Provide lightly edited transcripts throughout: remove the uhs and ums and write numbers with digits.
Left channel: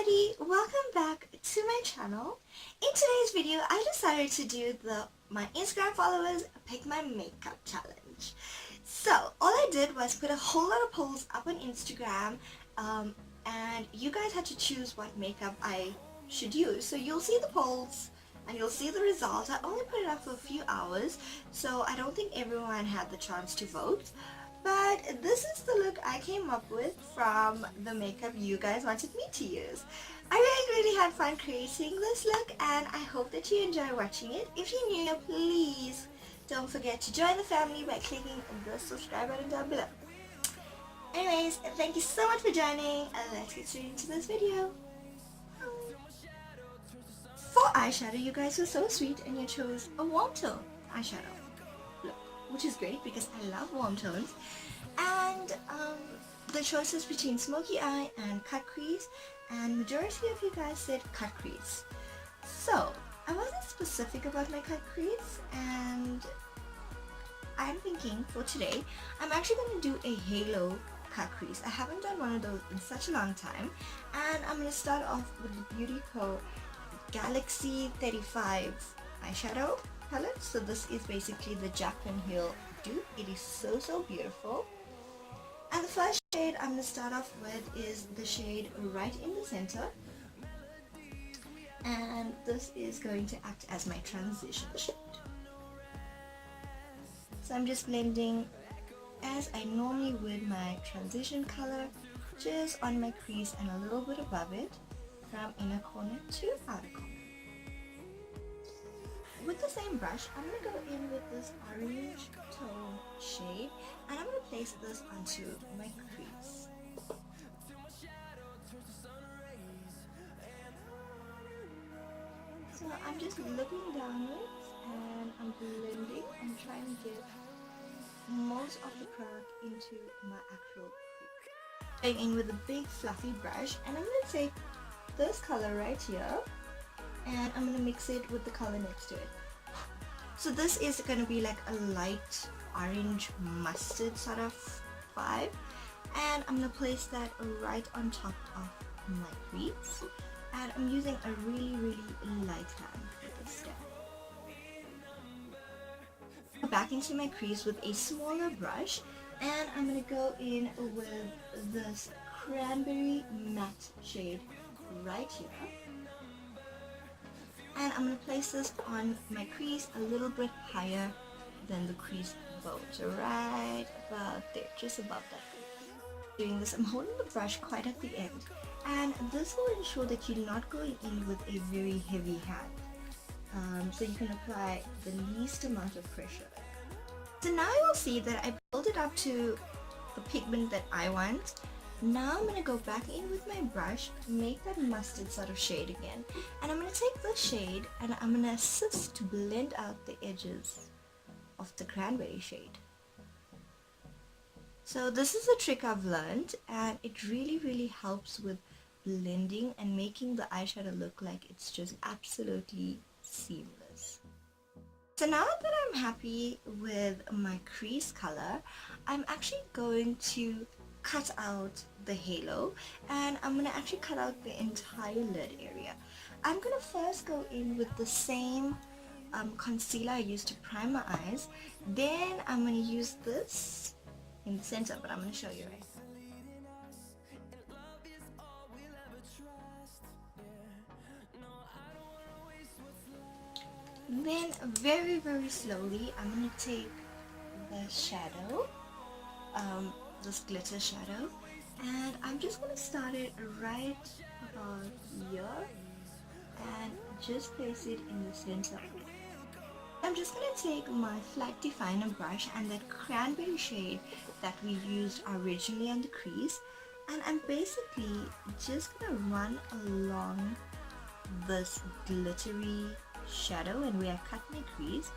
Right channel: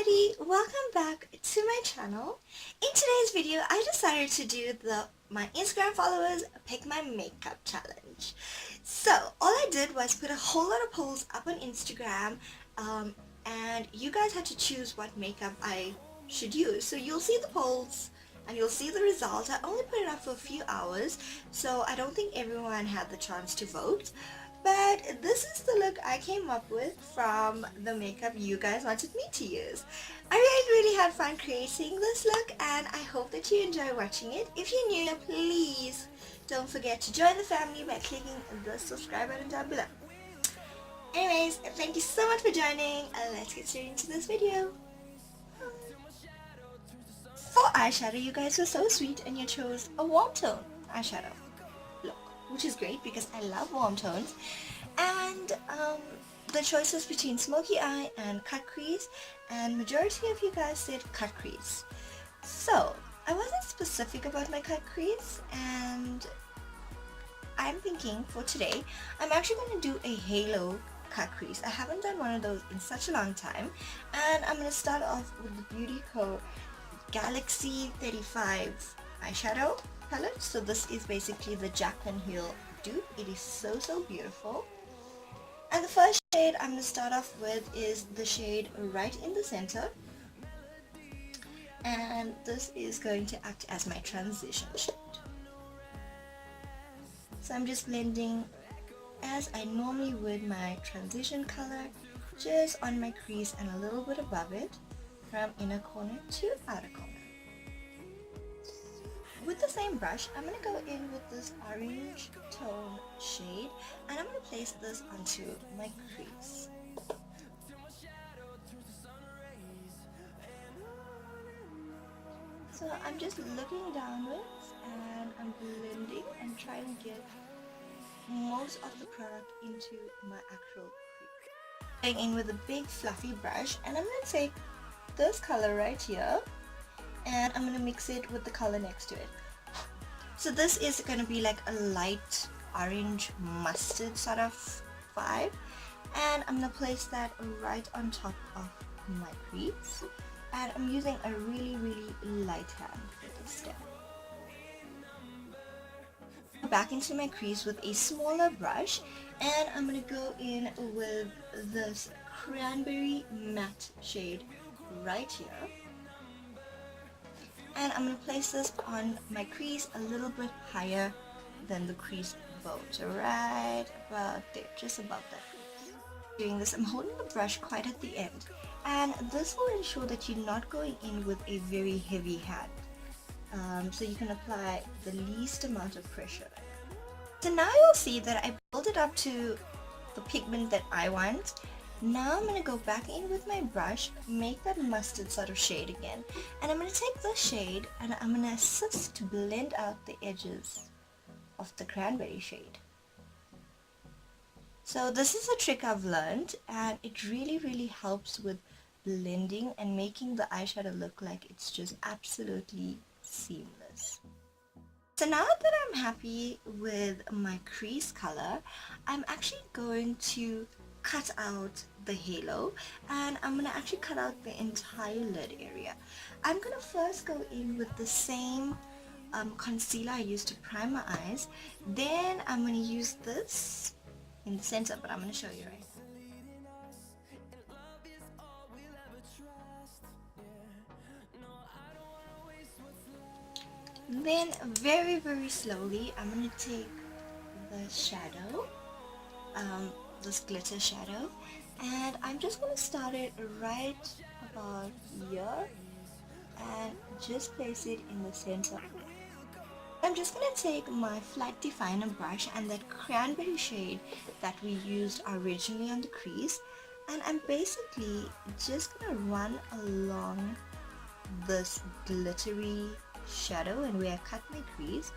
everybody, welcome back to my channel. In today's video I decided to do my Instagram followers pick my makeup challenge. So all I did was put a whole lot of polls up on Instagram and you guys had to choose what makeup I should use. So you'll see the polls and you'll see the results. I only put it up for a few hours, so I don't think everyone had the chance to vote. But this is the look I came up with from the makeup you guys wanted me to use. I really had fun creating this look and I hope that you enjoy watching it. If you're new, please don't forget to join the family by clicking the subscribe button down below. Anyways, thank you so much for joining and let's get straight into this video. For eyeshadow, you guys were so sweet and you chose a warm tone eyeshadow look, which is great because I love warm tones. And the choices between smoky eye and cut crease, and majority of you guys said cut crease. So I wasn't specific about my cut crease, and I'm thinking for today I'm actually going to do a halo cut crease. I haven't done one of those in such a long time, and I'm going to start off with the Beauty Co Galaxy 35 eyeshadow palette. So this is basically the Jaclyn Hill dupe. It is so beautiful. And the first shade I'm going to start off with is the shade right in the center, and this is going to act as my transition shade. So I'm just blending as I normally would my transition color, just on my crease and a little bit above it, from inner corner to outer corner. With the same brush, I'm going to go in with this orange tone shade and I'm going to place this onto my crease. So I'm just looking downwards and I'm blending and trying to get most of the product into my actual crease. Going in with a big fluffy brush, and I'm going to take this color right here and I'm going to mix it with the color next to it. So this is going to be like a light orange mustard sort of vibe, and I'm going to place that right on top of my crease, and I'm using a really light hand with this step. Back into my crease with a smaller brush, and I'm going to go in with this cranberry matte shade right here, and I'm going to place this on my crease a little bit higher than the crease bone, so right about there, just above that crease. Doing this, I'm holding the brush quite at the end, and this will ensure that you're not going in with a very heavy hand, so you can apply the least amount of pressure. So now you'll see that I build it up to the pigment that I want. Now I'm going to go back in with my brush, make that mustard sort of shade again, and I'm going to take this shade and I'm going to assist to blend out the edges of the cranberry shade. So this is a trick I've learned, and it really helps with blending and making the eyeshadow look like it's just absolutely seamless. So now that I'm happy with my crease color, I'm actually going to cut out the halo, and I'm going to actually cut out the entire lid area. I'm going to first go in with the same concealer I used to prime my eyes. Then I'm going to use this in the center, but I'm going to show you right now. Then very slowly I'm going to take the shadow, this glitter shadow, and I'm just going to start it right about here and just place it in the center. I'm just going to take my flat definer brush and that cranberry shade that we used originally on the crease, and I'm basically just going to run along this glittery shadow and where I cut my crease,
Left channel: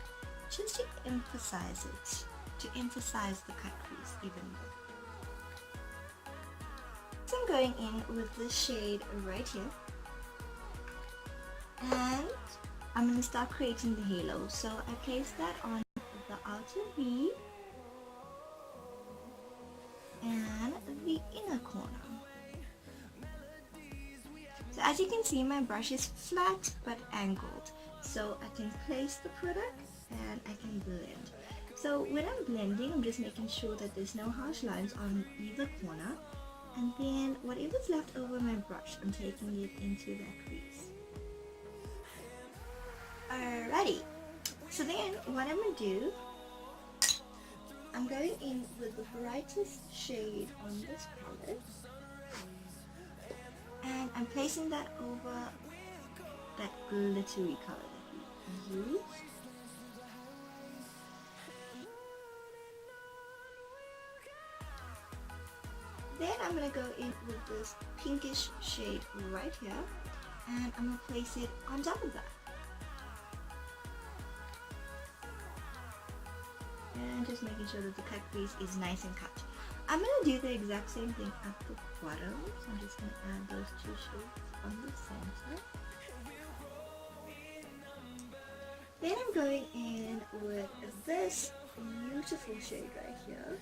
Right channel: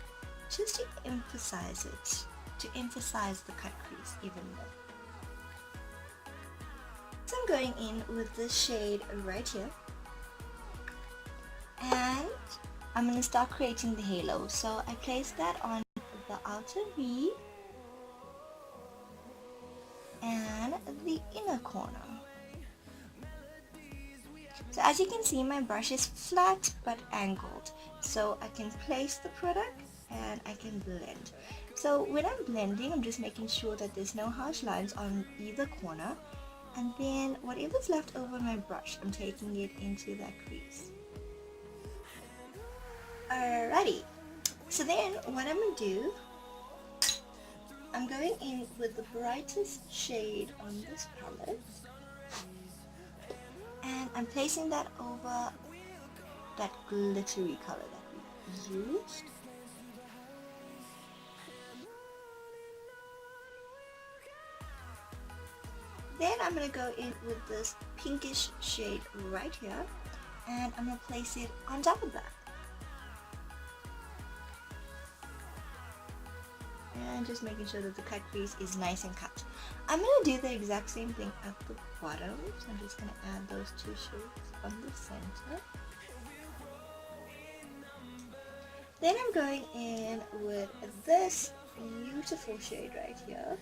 just to emphasize it, to emphasize the cut crease even more. So I'm going in with this shade right here, and I'm going to start creating the halo. So I place that on the outer V and the inner corner. So as you can see, my brush is flat but angled, so I can place the product and I can blend. So when I'm blending, I'm just making sure that there's no harsh lines on either corner, and then whatever's left over my brush, I'm taking it into that crease. Alrighty, so then what I'm going to do, I'm going in with the brightest shade on this palette, and I'm placing that over that glittery color that we used. Then I'm going to go in with this pinkish shade right here, and I'm going to place it on top of that. And just making sure that the cut crease is nice and cut. I'm going to do the exact same thing at the bottom, so I'm just going to add those two shades on the center. Then I'm going in with this beautiful shade right here,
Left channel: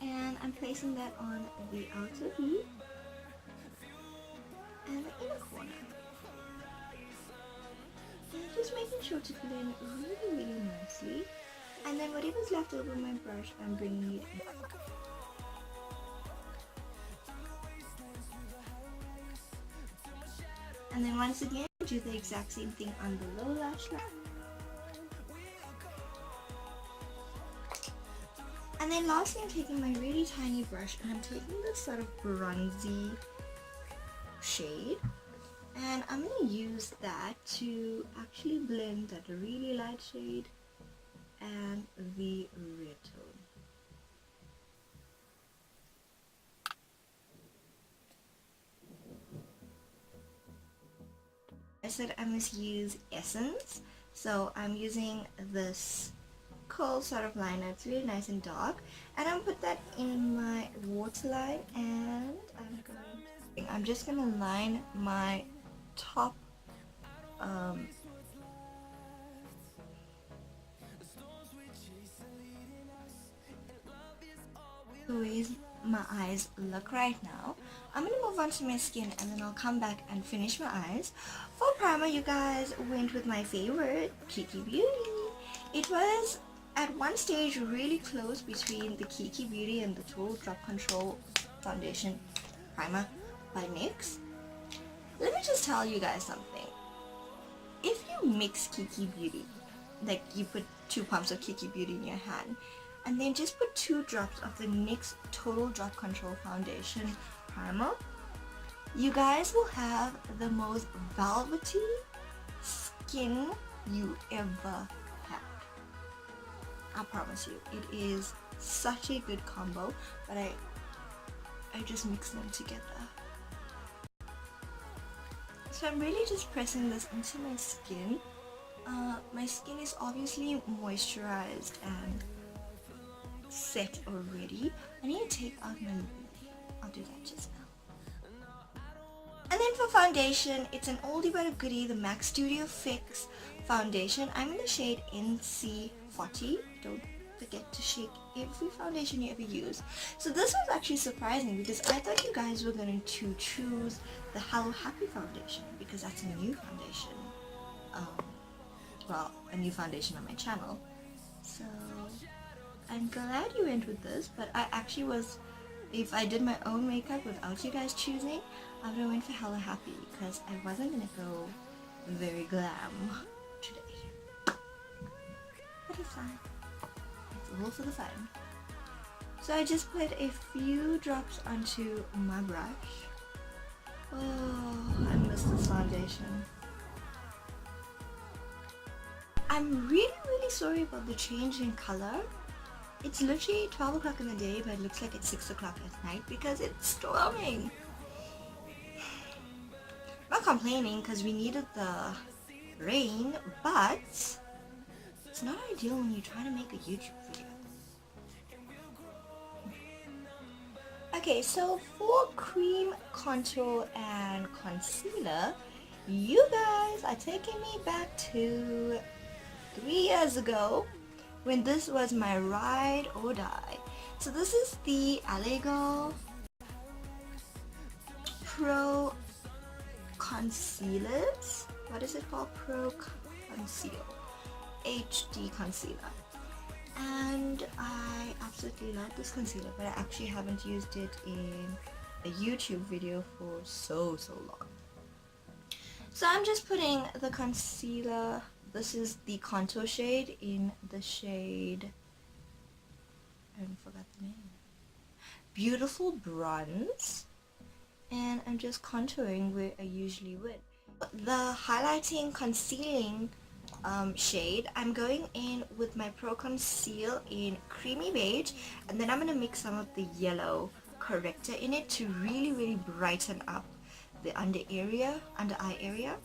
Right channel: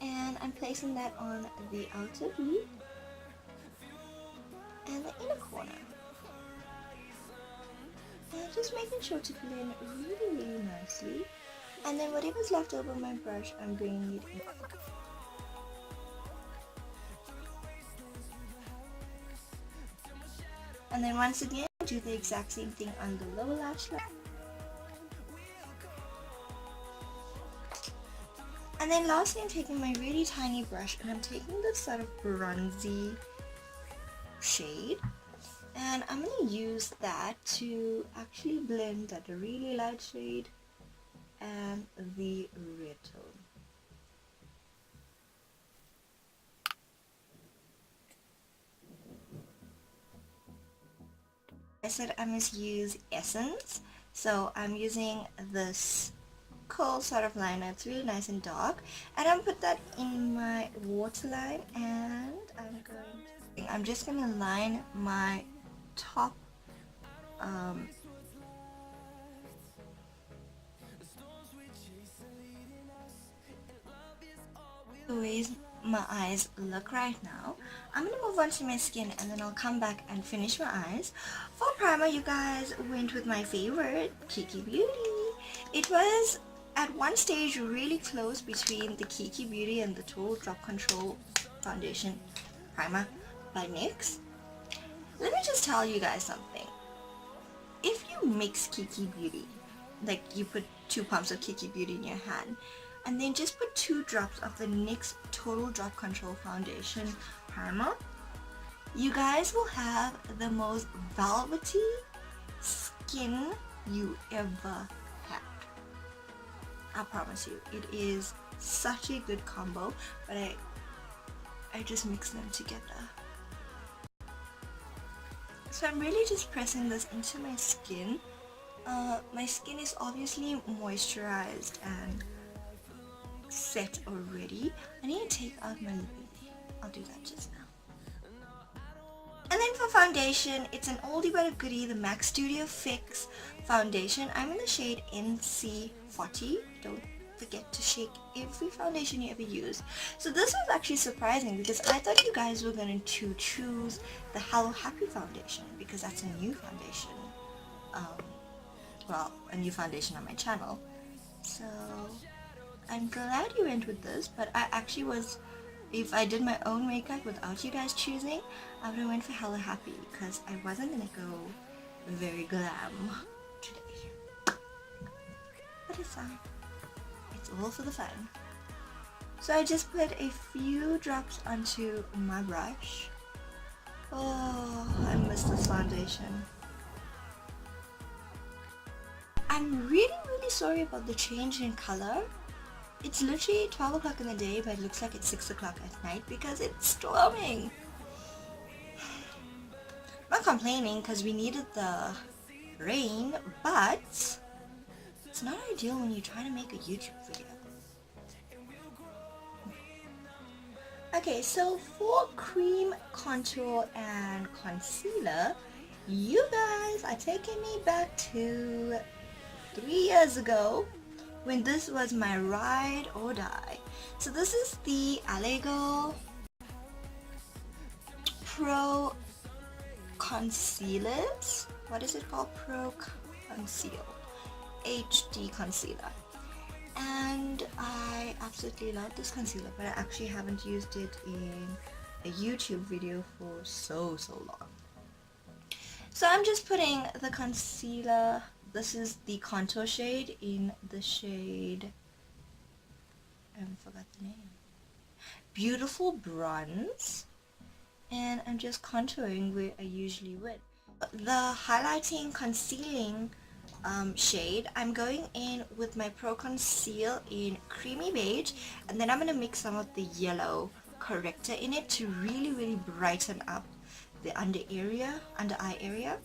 and I'm placing that on the outer V and the inner corner. And just making sure to blend really nicely. And then whatever's left over my brush, I'm bringing it in. And then once again, do the exact same thing on the lower lash line. And then lastly, I'm taking my really tiny brush and I'm taking this sort of bronzy shade, and I'm going to use that to actually blend that really light shade and the red tone. I said I must use Essence, so I'm using this coal sort of liner. It's really nice and dark, and I'm put that in my waterline, and I'm just gonna line my top the ways my eyes look right now. I'm gonna move on to my skin and then I'll come back and finish my eyes. For primer, you guys went with my favorite, Kiki Beauty. It was at one stage really close between the Kiki Beauty and the Total Drop Control foundation primer by NYX. Let me just tell you guys something. If you mix Kiki Beauty, like you put 2 pumps of Kiki Beauty in your hand, and then just put 2 drops of the NYX Total Drop Control Foundation Primer, you guys will have the most velvety skin you ever had. I promise you, it is such a good combo, but I just mix them together. So I'm really just pressing this into my skin. My skin is obviously moisturized and set already. I need to take out my lip. I'll do that just now. And then for foundation, it's an oldie but a goodie, the MAC Studio Fix foundation. I'm in the shade NC40. Don't forget to shake every foundation you ever use. So this was actually surprising because I thought you guys were going to choose the Hello Happy foundation because that's a new foundation. Well, a new foundation on my channel. So I'm glad you went with this, but I actually was, if I did my own makeup without you guys choosing, I would have went for Hello Happy because I wasn't going to go very glam today. But it's fine. It's all for the fun. So I just put a few drops onto my brush. Oh, I miss this foundation. I'm really sorry about the change in color. It's literally 12 o'clock in the day, but it looks like it's 6 o'clock at night because it's storming. I'm not complaining because we needed the rain, but it's not ideal when you're trying to make a YouTube video. Okay, so for cream contour and concealer, you guys are taking me back to 3 years ago when this was my ride or die. So this is the LA Girl concealers. What is it called? Pro Conceal HD Concealer. And I absolutely love this concealer, but I actually haven't used it in a YouTube video for so long. So I'm just putting the concealer, this is the contour shade in the shade, I forgot the name, Beautiful Bronze, and I'm just contouring where I usually would. The highlighting concealing shade, I'm going in with my Pro Conceal in Creamy Beige, and then I'm going to mix some of the yellow corrector in it to really brighten up the under eye area.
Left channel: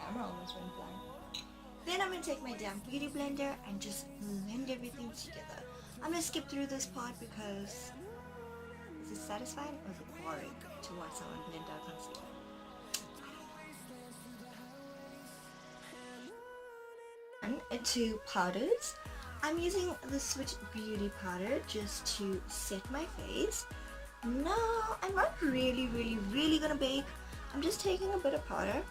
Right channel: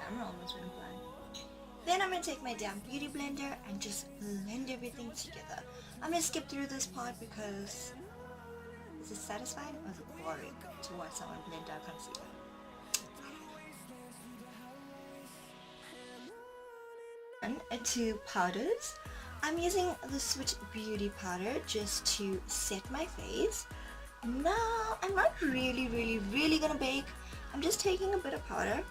Camera almost went blind. Then I'm going to take my damn beauty blender and just blend everything together. I'm going to skip through this part because is it satisfying or is it boring to watch someone blend out concealer? And to powders, I'm using the Swiitchbeauty powder just to set my face. Now, I'm not really gonna bake. I'm just taking a bit of powder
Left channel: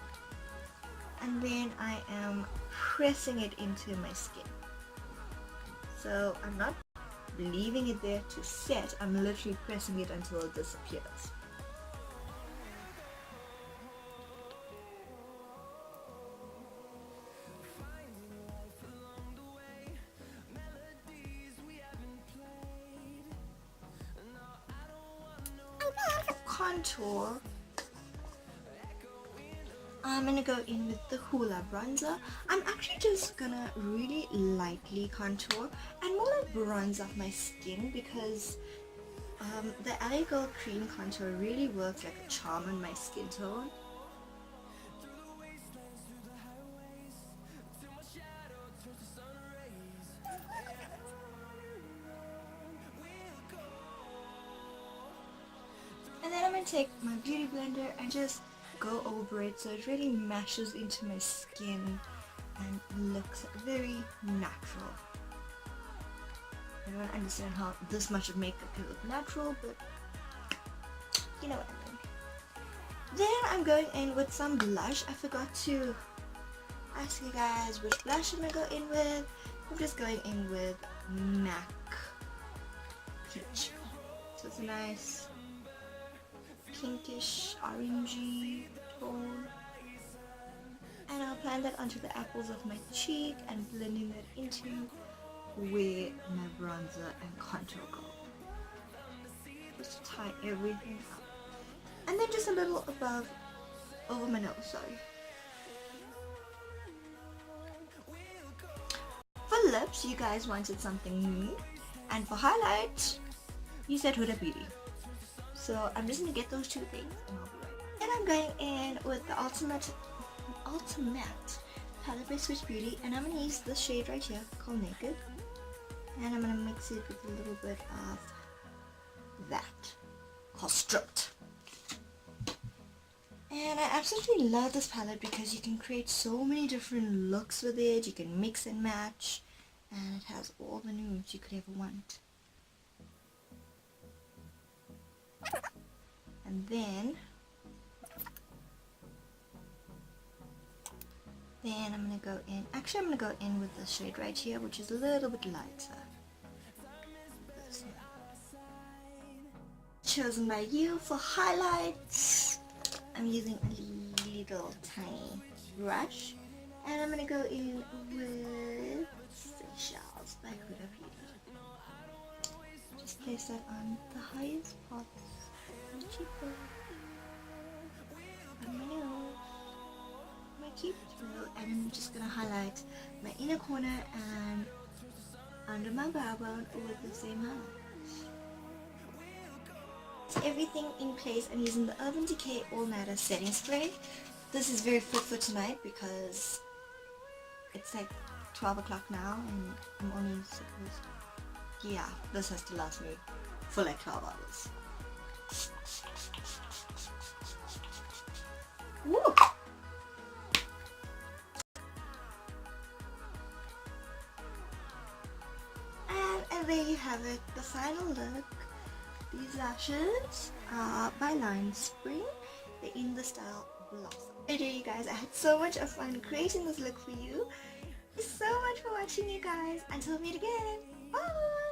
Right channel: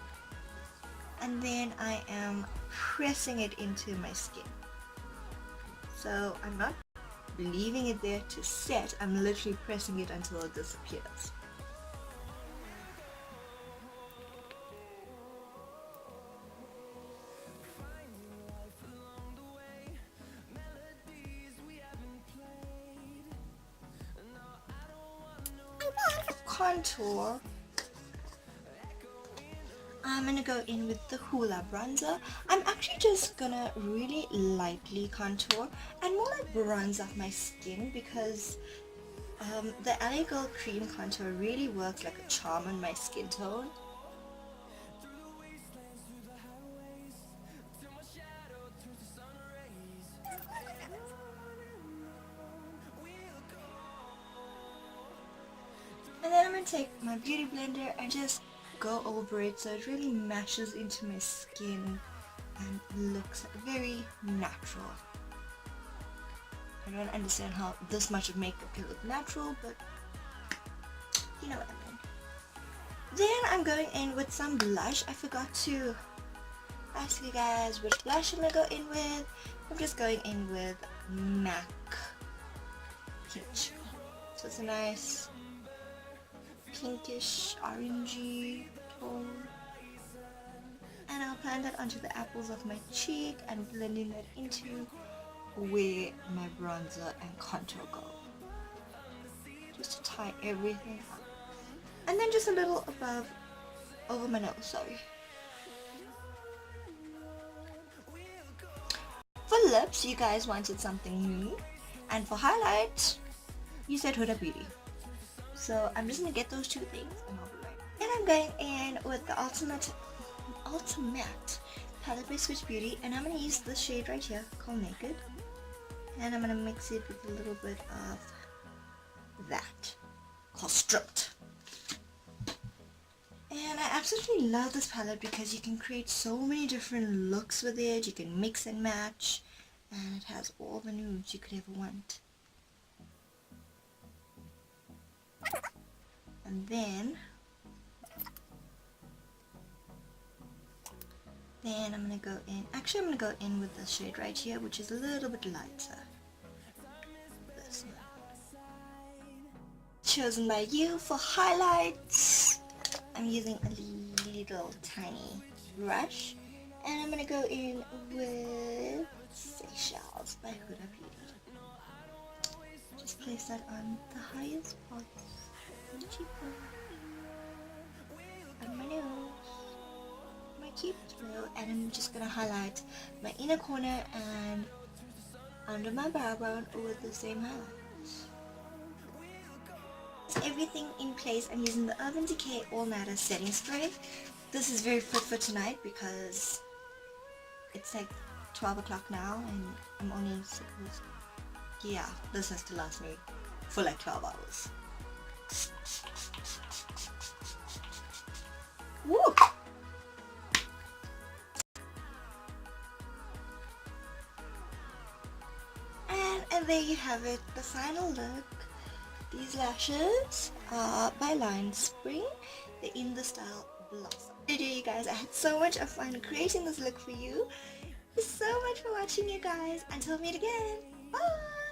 and then I am pressing it into my skin. So I'm not leaving it there to set, I'm literally pressing it until it disappears. And then contour, I'm gonna go in with the Hoola bronzer. I'm actually just gonna really lightly contour and more like bronze up my skin because the LA Girl cream contour really works like a charm on my skin tone. And then I'm gonna take my beauty blender and just go over it so it really mashes into my skin and looks very natural. I don't understand how this much of makeup can look natural, but you know what I mean. Then I'm going in with some blush. I forgot to ask you guys which blush I'm gonna go in with. I'm just going in with MAC Peach. So it's a nice pinkish orangey tone, and I'll apply that onto the apples of my cheek and blending that into where my bronzer and contour go, just to tie everything up, and then just a little above over my nose. Sorry. For lips, you guys wanted something new, and for highlight you said Huda Beauty. So I'm just gonna get those two things and I'll be right back. And I'm going in with the ultimate palette by Swiitchbeauty, and I'm gonna use this shade right here called Naked, and I'm gonna mix it with a little bit of that called Stripped. And I absolutely love this palette because you can create so many different looks with it. You can mix and match, and it has all the nudes you could ever want. And then I'm gonna go in, actually I'm gonna go in with the shade right here, which is a little bit lighter. This one. Chosen by you for highlights. I'm using a little tiny brush, and I'm gonna go in with Seychelles by Huda Beauty. Just place that on the highest parts of my cheekbone, on my nose, my cupid's bow, and I'm just gonna highlight my inner corner and under my brow bone with the same highlight. Everything in place. I'm using the Urban Decay All Matter setting spray. This is very fit for tonight because it's like 12 o'clock now and I'm only supposed to, yeah, this has to last me for like 12 hours. Woo! And there you have it, the final look. These lashes are by Line Spring. They're in the style Blossom. Today you guys, I had so much of fun creating this look for you. Thank you so much for watching, you guys. Until we meet again, bye!